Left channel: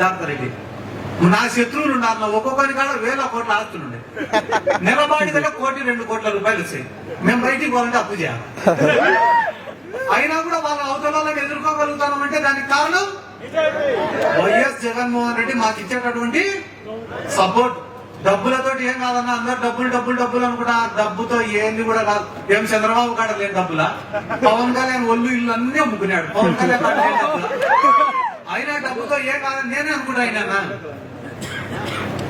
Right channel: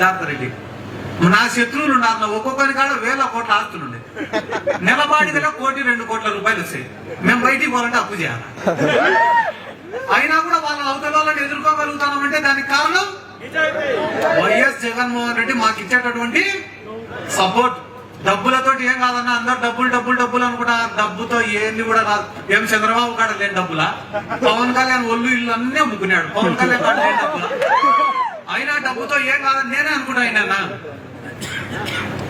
సిద్ధార్థ రెడ్డి నా శత్రువులు ఉన్నారు నా ఒక్కొక్కరి కాడ వేల కోట్ల ఆస్తులు ఉన్నాయి దగ్గర కోటి రెండు కోట్ల రూపాయలు వస్తాయి మేము బయటికి పోవాలంటే అప్పు చేయాలి అయినా కూడా వాళ్ళ అవతల వాళ్ళని ఎదుర్కోగలుగుతామంటే దానికి కారణం వైఎస్ జగన్మోహన్ రెడ్డి మాకు ఇచ్చేటటువంటి సపోర్ట్ డబ్బులతోటి ఏం కాదన్నా అందరూ డబ్బులు డబ్బులు డబ్బులు అనుకున్నా డబ్బుతో ఏంది కూడా రాదు ఏం చంద్రబాబు కాడ లేని డబ్బులా పవన్ కళ్యాణ్ ఒళ్ళు ఇల్లు అన్నీ అమ్ముకున్నాడు పవన్ కళ్యాణ్ డబ్బులా అయినా డబ్బుతో ఏం కాదని నేనే అనుకుంటా అయినా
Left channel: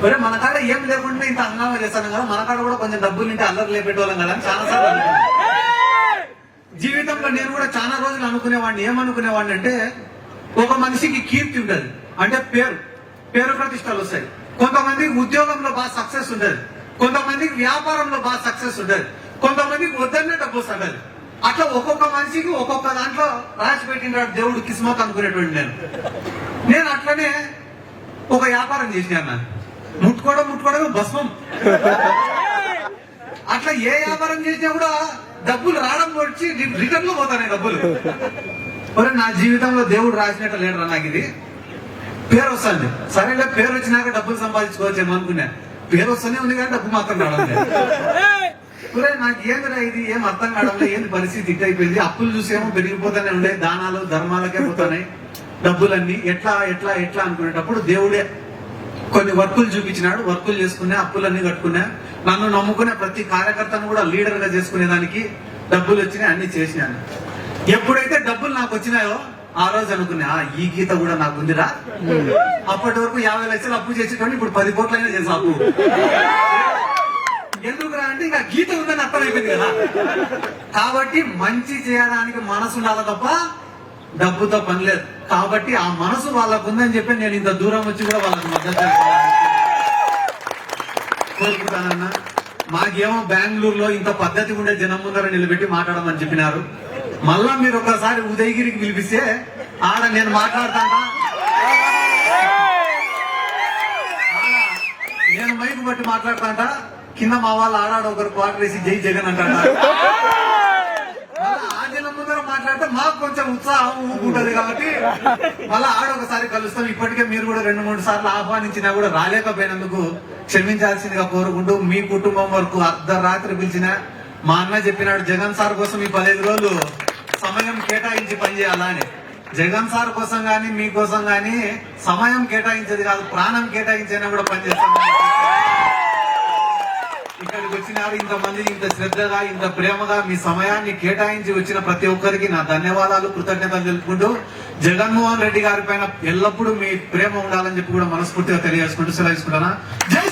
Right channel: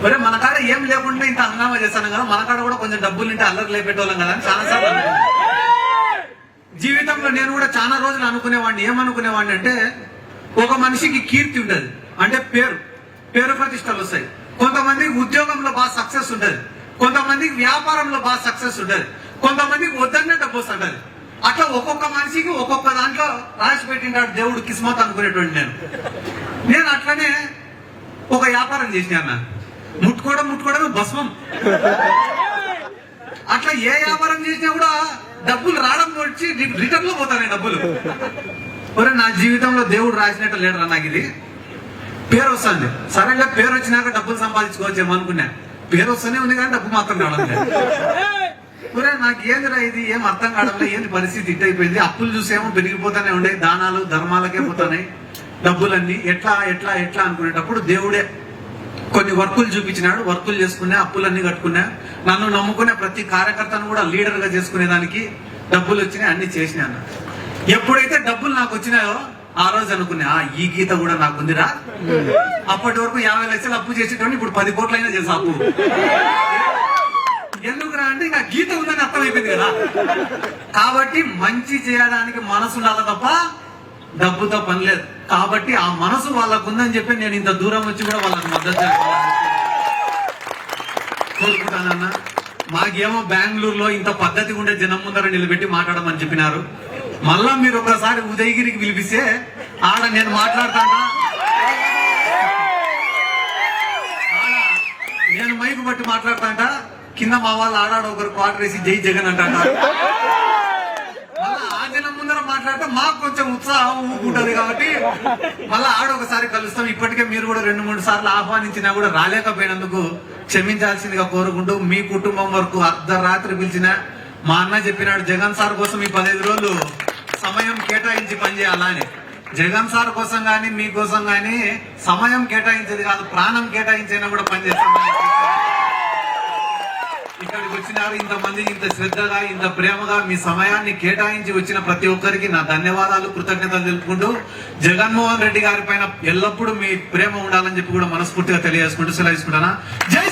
మరి మన కాడ ఏం లేకుండా ఇంత హంగామా చేస్తాను కదా మన కాడ కూడా కొంచెం డబ్బులు ఇంటే అల్లరి లేపెట్టేవాళ్ళం కదా చాలా సార్లు జీవితంలో నేను కూడా చాలా రోజులు అనుకునేవాడిని ఏమనుకునేవాడిని అంటే ఒక మనిషికి కీర్తి ఉండదు అంటే పేరు పేరు ప్రతిష్టలు వస్తాయి కొంతమందికి ఉద్యోగంలో బాగా సక్సెస్ ఉండదు కొంతమందికి వ్యాపారంలో బాగా సక్సెస్ ఉండదు కొంతమందికి వద్దనే డబ్బు వస్తుంటది అట్లా ఒక్కొక్క మనిషికి ఒక్కొక్క దాంట్లో రాసి పెట్టినాడు దేవుడు కిస్మత్ అనుకునేటువంటి నేను నేను అట్లనే ఒక వ్యాపారం చేసినా ముట్టుకోవడం ముట్టుకోవడం భస్మం అట్లా ఏ వ్యాపారం చేసినా కూడా డబ్బులు రావడం వచ్చి రిటర్న్ లో పోతాను డబ్బులు మరి నా జీవితంలో దేవుడు రాసినట్టు లేడరా నాకు ఇది పేరు వస్తుంది సరేగా పేరు వచ్చినాక డబ్బులు సంపాదించుకోవచ్చు అనుకున్నా పేరు వస్తూనే ఉంది కానీ డబ్బు మాత్రం రావడం ఒరే నాకు ఏందిరా ఇది ఏం అర్థం కావడం ఏంది పరిస్థితి ఇట్ అయిపోయింది అప్పులు చూసేమో పెరిగిపోతూనే ఉండే దానాలు ధర్మాలకే పోతున్నాయి డబ్బులన్నీ ఎట్లా ఎట్లా ఎట్లా అనుకునేటప్పుడు దేవుడే కొన్ని వర్కులు చూపించినాడు వర్కులు చేసుకున్నా అప్పులన్నీ కట్టుకున్నా నన్ను నమ్ముకునే ప్రతి కార్యకర్తను కూడా లీడర్ గా చేసుకునేదానికి డబ్బులు వచ్చినాయి అన్ని చేసినాను ఎప్పుడైతే డబ్బులు నాకు వచ్చినాయో ఆ రోజు అనుకున్నా ఈ గీత కూడా నాకు ఉందిరా అప్పటి వరకు యాభై లక్షలు అప్పు చేసేటప్పుడు ఇప్పుడు పది కోట్లైనా చేసా అప్పు ఎందుకు అంటే ఇంకా గీత ఉందని అర్థమైపోయింది కదా కాబట్టి మంచి చేయడానికి మనసు ఉండాలి తప్ప డబ్బుతో పని లేదు కాబట్టి ఆ మనసు వాళ్ళకు ఉందని చెప్పి నేను ఇంత దూరం వచ్చి కూడా వాళ్ళకి మద్దతు కోరుకుంటానన్నా మాకేమో బెంగళూరులో ఇంత పద్ధతి ఉండే జనం ముందర నిలబెట్టి మాట్లాడమని చెప్పినారు మళ్ళా మీరు ఒకసారి ఉదయగిరికి పిలిపిస్తే ఆడ నేను మాట్లాడతాను నేను మైకు బట్టి మాట్లాడతాంటా కింద మా వాళ్ళు ఆడాడు ఒకరు క్వార్టర్ వేసి జై జగన్ అంటారు ఆ మాట్లాడితే మాకు కొంచెం ఉత్సాహం ఊపుకుంటది కాబట్టి మళ్ళీ ఆడ ఒకసారి కలుస్తాం ఇప్పటికే మీరు కూడా రెండు మూడు సార్లు ఆహ్వానించినా కూడా రాలేకపోయినందుకు క్షమించాల్సిందిగా కోరుకుంటూ మీ కుటుంబం వరకు అర్ధరాత్రి పిలిచిన మా అన్న చెప్పినాడు జగన్ సార్ కోసం ఈ పదహైదు రోజులు సమయం కేటాయించి పనిచేయాలా అని జగన్ సార్ కోసం కానీ మీకోసం కానీ సమయం కేటాయించేది కాదు ప్రాణం కేటాయించైనా కూడా పనిచేస్తాం ఇక్కడికి వచ్చినారు ఇంతమంది ఇంత శ్రద్ధగా ఇంత ప్రేమగా మీ సమయాన్ని కేటాయించి వచ్చిన ప్రతి ఒక్కరికి నా ధన్యవాదాలు కృతజ్ఞతలు తెలుపుకుంటూ జగన్మోహన్ రెడ్డి గారి పైన ఎల్లప్పుడూ మీ ప్రేమ ఉండాలని చెప్పి కూడా మనస్ఫూర్తిగా తెలియజేసుకుంటూ సెలవు తీసుకుంటానా జై